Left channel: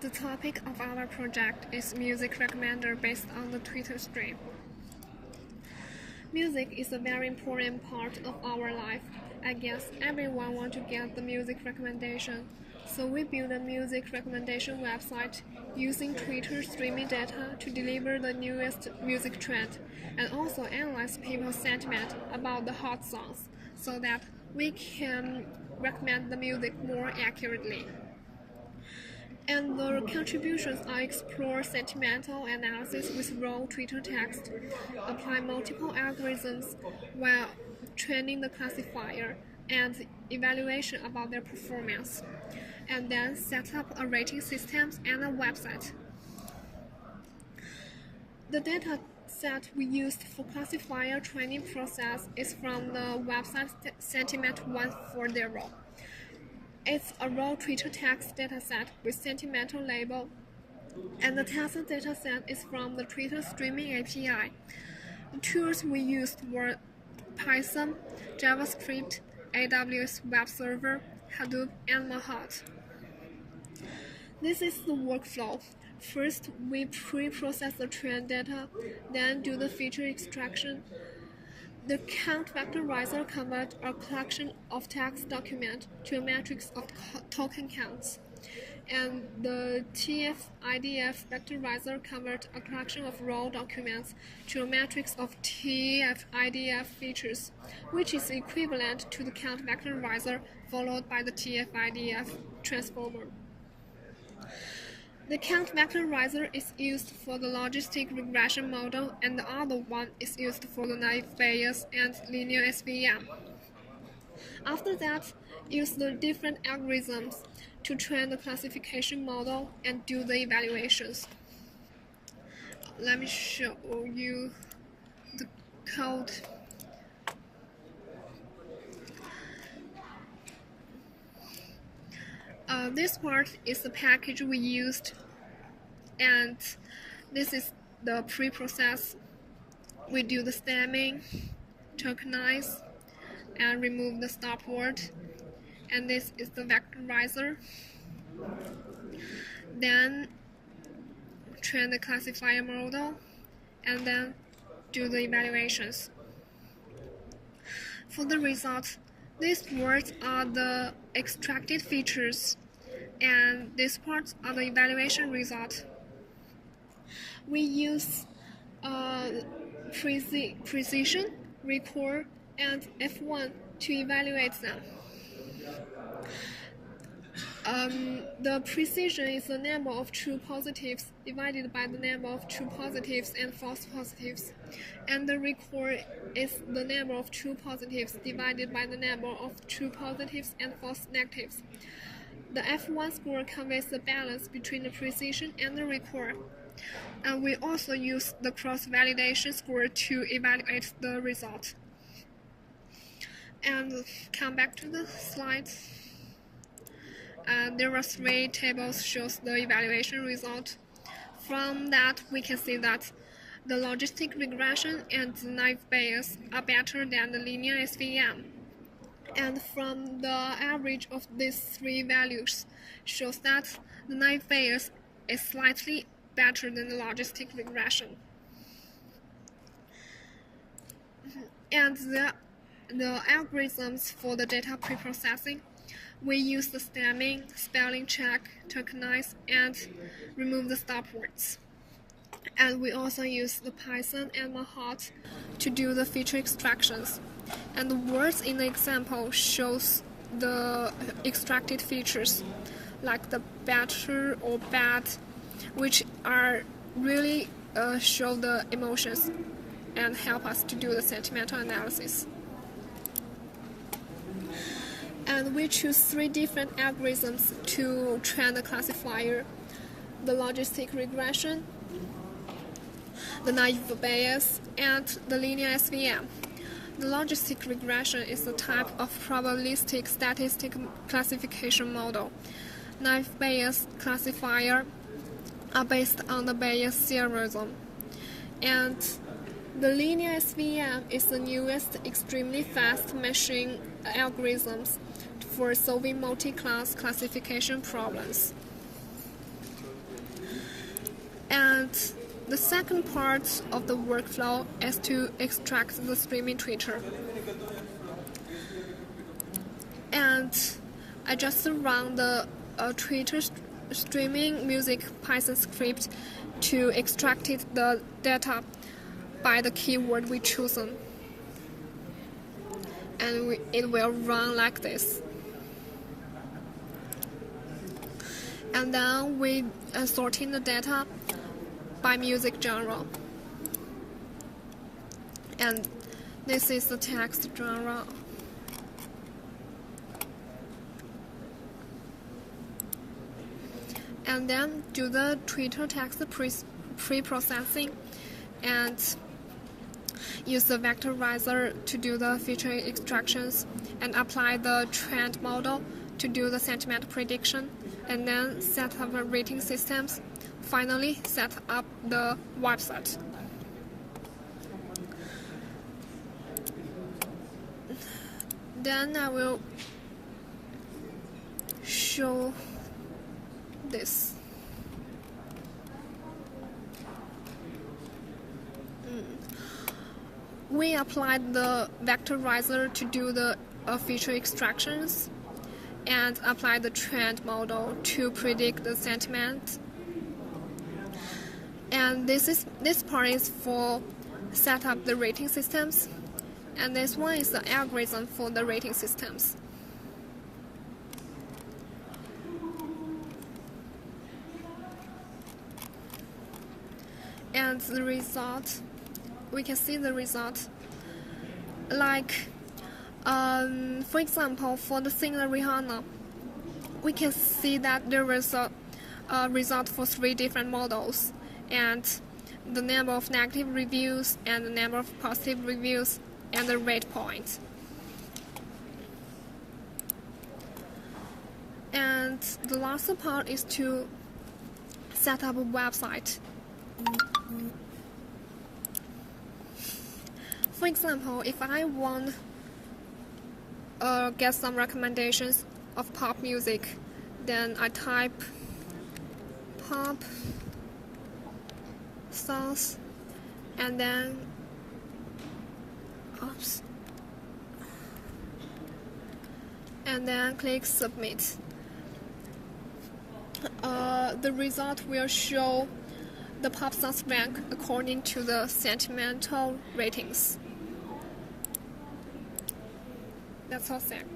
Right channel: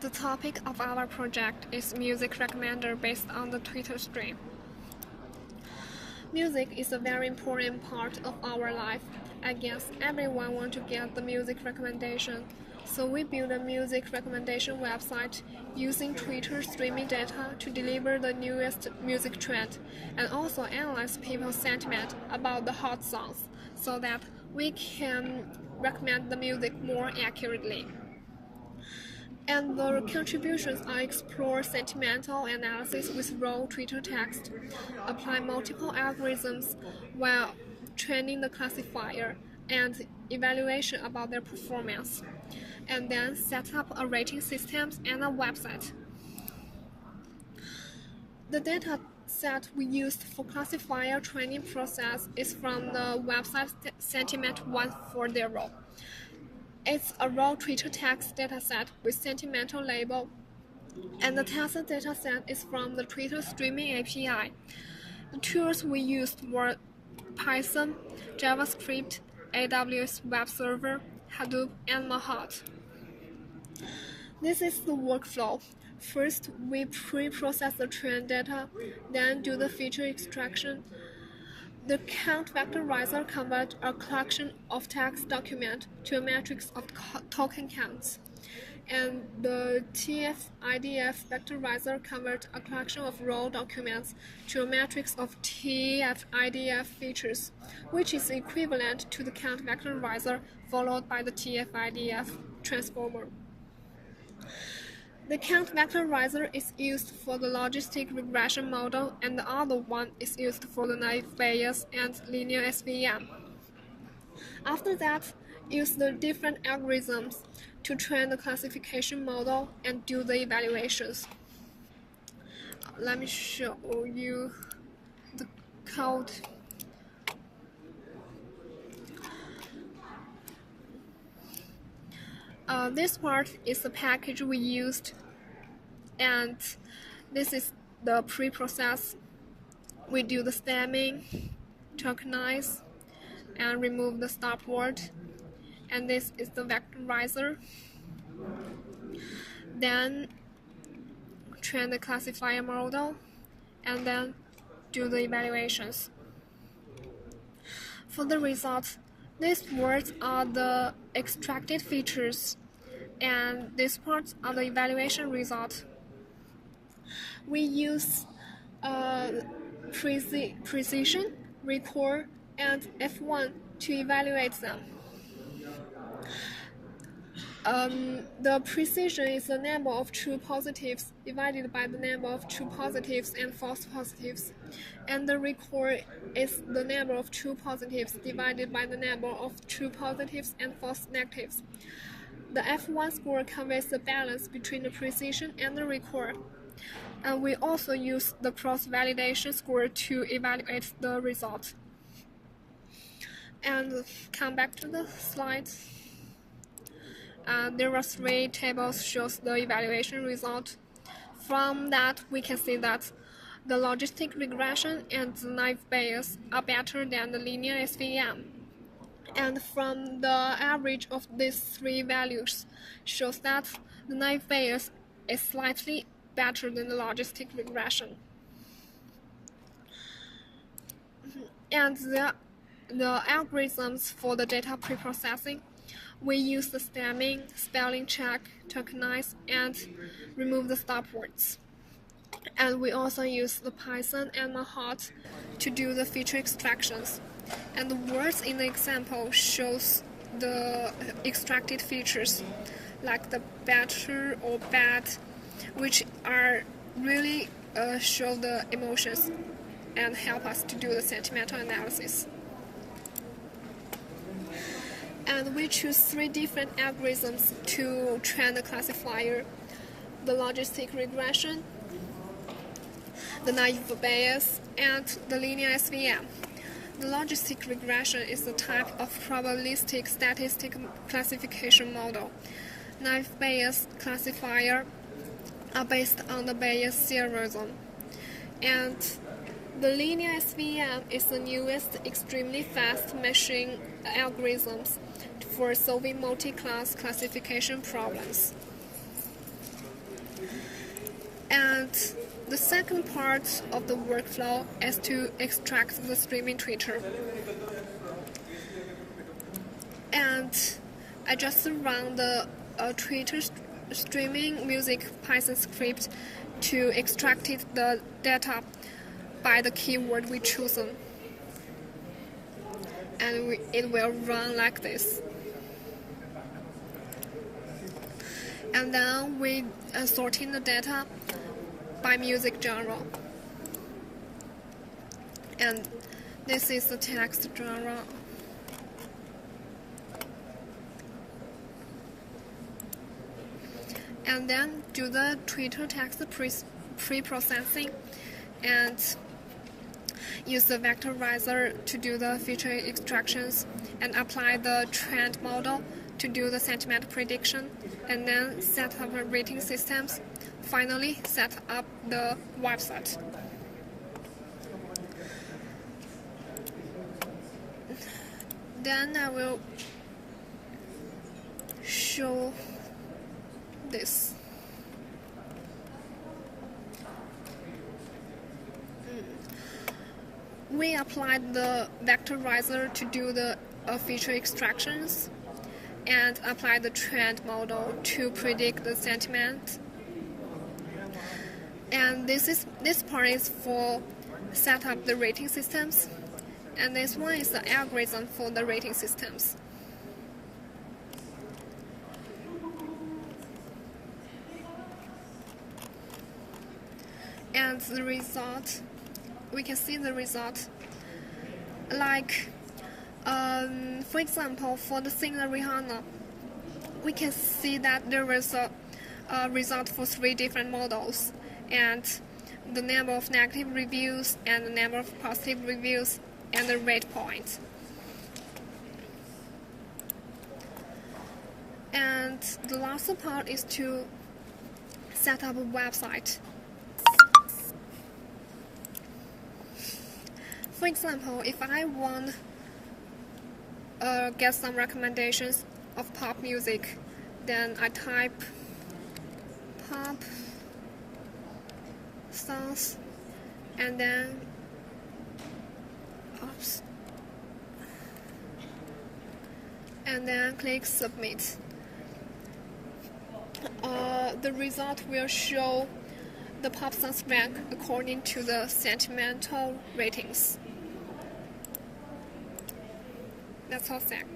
The topic of our project is music recommender based on the Twitter stream. Music is a very important part of our life. I guess everyone wants to get the music recommendation. So we built a music recommendation website using Twitter streaming data to deliver the newest music trend and also analyze people's sentiment about the hot songs so that we can recommend the music more accurately. And the contributions are explore sentimental analysis with raw Twitter text, apply multiple algorithms while training the classifier, and evaluation about their performance, and then set up a rating system and a website. The data set we used for classifier training process is from the website Sentiment 140. It's a raw Twitter text dataset with sentimental label, and the tensor dataset is from the Twitter streaming API. The tools we used were Python, JavaScript, AWS Web Server, Hadoop, and Mahat. This is the workflow. First, we pre-process the trend data, then do the feature extraction. The count vectorizer converts a collection of text documents to a matrix of token counts, and the TF-IDF vectorizer converts a collection of raw documents to a matrix of TF-IDF features, which is equivalent to the count vectorizer followed by the TF-IDF transformer. The count vectorizer is used for the logistic regression model, and the other one is used for the naive Bayes and linear SVM. After that, use the different algorithms to train the classification model and do the evaluations. Let me show you the code. This part is the package we used, and this is the pre-process. We do the stemming, tokenize, and remove the stop word, and this is the vectorizer. Then train the classifier model, and then do the evaluations. For the results, these words are the extracted features, and these parts are the evaluation results. We use precision, recall, and F1 to evaluate them. The precision is the number of true positives divided by the number of true positives and false positives, and the recall is the number of true positives divided by the number of true positives and false negatives. The F1 score conveys the balance between the precision and the recall. And we also use the cross-validation score to evaluate the result. And come back to the slides. There are 3 tables shows the evaluation result. From that, we can see that the logistic regression and the naive Bayes are better than the linear SVM. And from the average of these 3 values shows that the naive Bayes is slightly better than the logistic regression. And the algorithms for the data preprocessing, we use the stemming, spelling check, tokenize, and remove the stop words. And we also use the Python and Mahat to do the feature extractions. And the words in the example shows the extracted features, like the better or bad, which are really show the emotions and help us to do the sentimental analysis. And we choose 3 different algorithms to train the classifier: the logistic regression, the naive Bayes, and the linear SVM. The logistic regression is a type of probabilistic statistic classification model. Naive Bayes classifier are based on the Bayes theorem, and the linear SVM is the newest extremely fast machine algorithms for solving multi-class classification problems. And the second part of the workflow is to extract the streaming Twitter. And I just run the Twitter streaming music Python script to extract the data by the keyword we chosen. And it will run like this. And then we sorting the data by music genre. And this is the text genre. And then do the Twitter text pre-processing and use the vectorizer to do the feature extractions and apply the trend model to do the sentiment prediction, and then set up rating systems. Finally, set up the website. Then I will show this. We applied the vectorizer to do the feature extractions and apply the trend model to predict the sentiment. And this part is for set up the rating systems, and this one is the algorithm for the rating systems. And the result, we can see the result. Like, for example, for the singer Rihanna, we can see that there was a result for 3 different models, and the number of negative reviews and the number of positive reviews and the rate point. And the last part is to set up a website. For example, if I want get some recommendations of pop music, then I type pop songs and then click submit. The result will show the pop songs rank according to the sentimental ratings. That's all, Zach.